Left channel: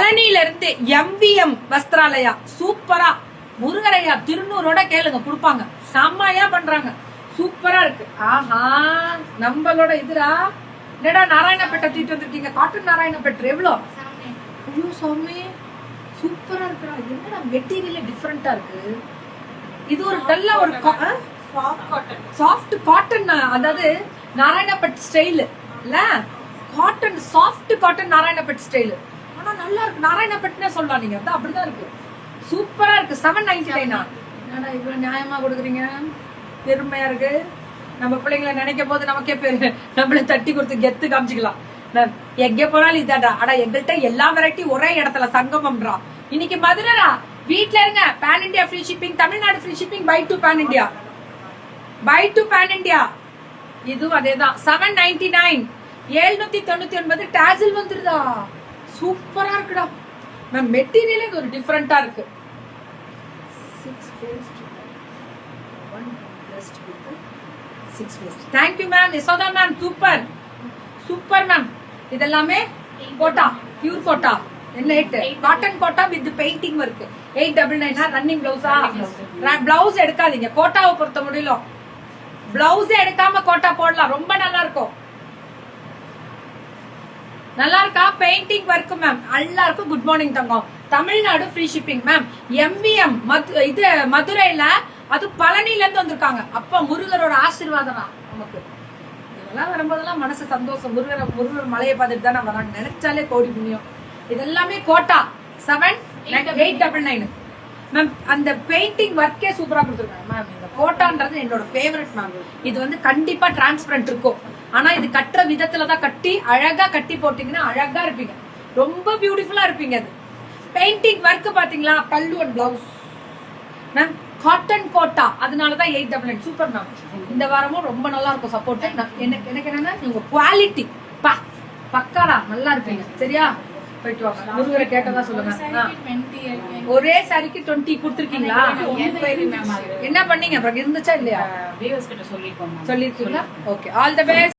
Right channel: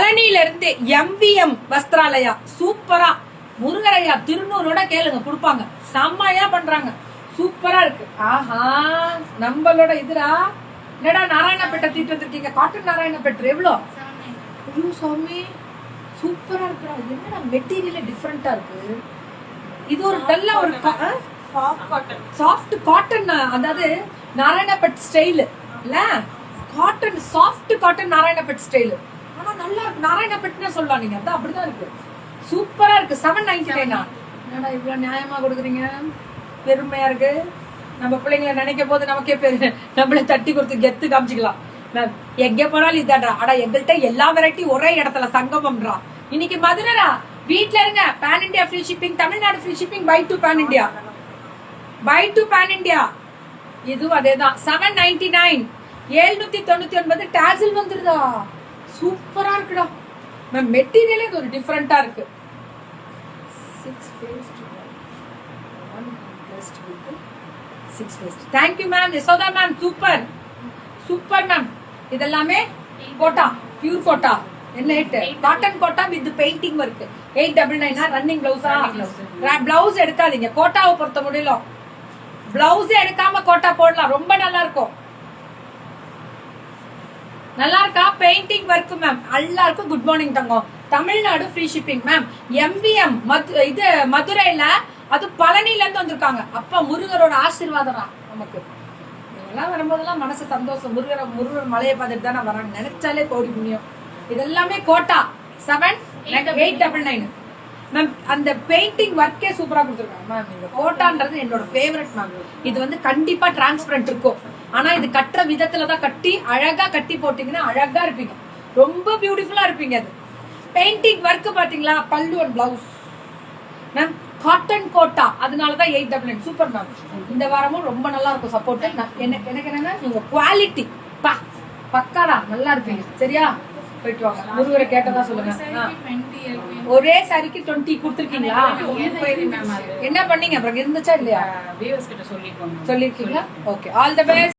பழனியில இருந்து MVM வஸ்திராலயா சூப்பரா முருகரையா திருநூறோட கேளுங்க கொடுப்பாங்க. செம்மையா பண்றாங்க, சூப்பரா இருக்கு. ஆஹா, நம்மளோட இதுரா என்னடா நாராயணப்பேட்டை தூக்கிட்டு வந்திருக்கீங்க. காட்டன் நாராயணப்பேட்டை எவ்வளோ? ஐயோ சாமி, சூப்பரா இருக்குடா. என்னடா மெட்டீரியல் டிஃபரெண்டா இருக்கு. இது ஒரு நல்ல ஒரு சாஃப்ட் காட்டன், அதாவது நாராயணப்பேட் ஸ்டைல் இல்ல, காட்டன் சாஃப்ட் காட்டன் நாராயணப்பேட் ஸ்டைல். ஆனா நல்லா இருக்கு, நாராயணப்பேட்னே சொல்லலாம் நீங்க. அதான் அப்படிதான் இருக்கு, சூப்பரா இருக்கு. 799. ஆனா இவ்வளவு நியாயமா கொடுக்குறீங்க, பெருமையா இருக்கு. நம்ம பிள்ளைங்களை நினைக்கும் போது நமக்கே பேரு, நம்மள தட்டி கொடுத்து கெத்து காமிச்சுக்கலாம். எங்க போனாலும் இதாடா. ஆனா எங்கள்கிட்ட எல்லா வெரைட்டி ஒரே இடத்துல சங்கமம்ன்றான். இன்னைக்கு மதுரைடா, வீட்ல இருங்க. Pan India free shipping, Tamil Nadu free shipping, buy two pan India, buy two pan India. இதுவும் அதேதான். 799, 799 டாசில் வந்துருதா. சூப்பரா இருக்குடா மேம். மெட்டீரியலே ஒரு டிஃபரெண்டா இருக்கு. 6 faced. Thank you ma'am. Yashoda ma'am, super super ma'am. இதெல்லாமே கோட்டா, பியூர் கோட்டா. என்ன cotton Kota with painting work. 899 running பிளவுஸா? பிளவுஸ் எடுக்காதீங்க, கோட்டாவை பொறுத்த முடியல. பிளவுஸ் எடுக்காம கோட்டா போடலாம், ரொம்ப நல்லா இருக்கும். நல்லா இருக்கா? Painting work ma'am. எல்லாருக்கும் குட் மார்னிங் தங்கம். Tamil Nadu free shipping ma'am. MVM இது மதுரையில, அது பழனில இருந்து வந்திருக்காங்க. அப்ப முருகரோட ஆசீர்வாதம் நமக்கு. இதெல்லாம் வரும்போதெல்லாம் மனசு சந்தோஷம். முருகர் மலையை பார்த்துட்டு தான் வராங்க, நினைச்சாலே கோடி புண்ணியம். இதெல்லாமே கோட்டா. 7,899 மேம். அந்த பெயிண்டிங் ஒர்க்கே சூப்பரா கொடுத்துருக்காங்க மேம். இந்த கோட்டான்றது என்னோட ஃபேவரட் மேம். இது வந்து கண்டிப்பா டிரான்ஸ்பரண்ட் இருக்கும். ஆனா இது கட்டுற விதத்துலதான் கட்டி, அழகா கட்டி போட்டீங்கன்னா அழகா இருப்பீங்க, ரொம்ப பியூட்டிஃபுல்லா இருப்பீங்க. அது பெயிண்டிங் ஒர்க் பாத்தீங்களா? Pallu and blouse ma'am. Cotton Kota, அதனாலதான் 899. Super ma'am. இந்த வாரமும் ரொம்ப நல்லா இருக்கும் சப்போர்ட். எனக்கு என்னன்னா உங்க குவாலிட்டி பக்காடா, நல்லா இருப்பீங்க. சரியா? போயிட்டு வாங்க. முருகரை கேட்டதா சொல்லுங்க. ஒரே சாரிக்கு 20 கொடுத்துருக்கீங்களா? என்ன பண்ணீங்க அப்புறம்? இருந்துச்சா இல்லையா? சொல்லிருக்கீங்களா? Okay, all the best.